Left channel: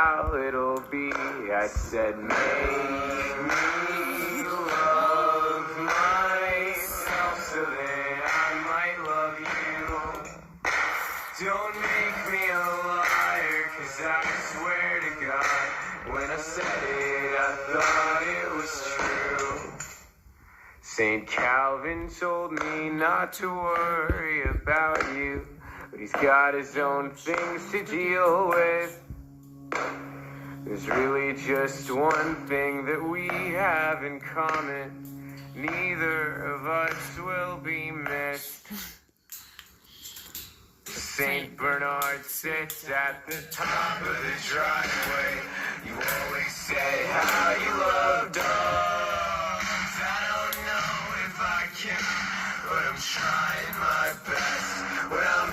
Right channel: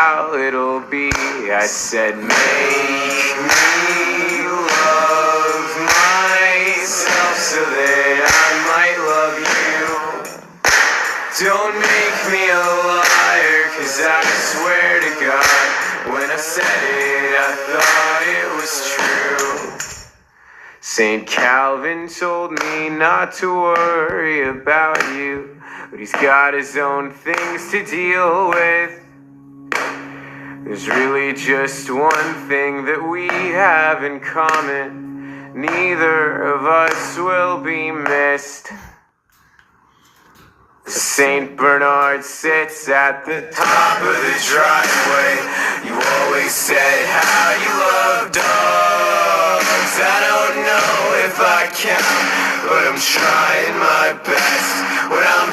how it'll be. I said, make me love myself so that I might love you. Don't make me a liar, 'cause I swear to God, when I said it, I thought it was true. St. Calvin told me not to worry about you, but he's got his own things to deal with. There's really just one thing that we have in common. Neither of us will be missed. St. Bernard sits at the top of the driveway. You always said how you love dogs. I don't know if I can, but I'm trying my best. When I'm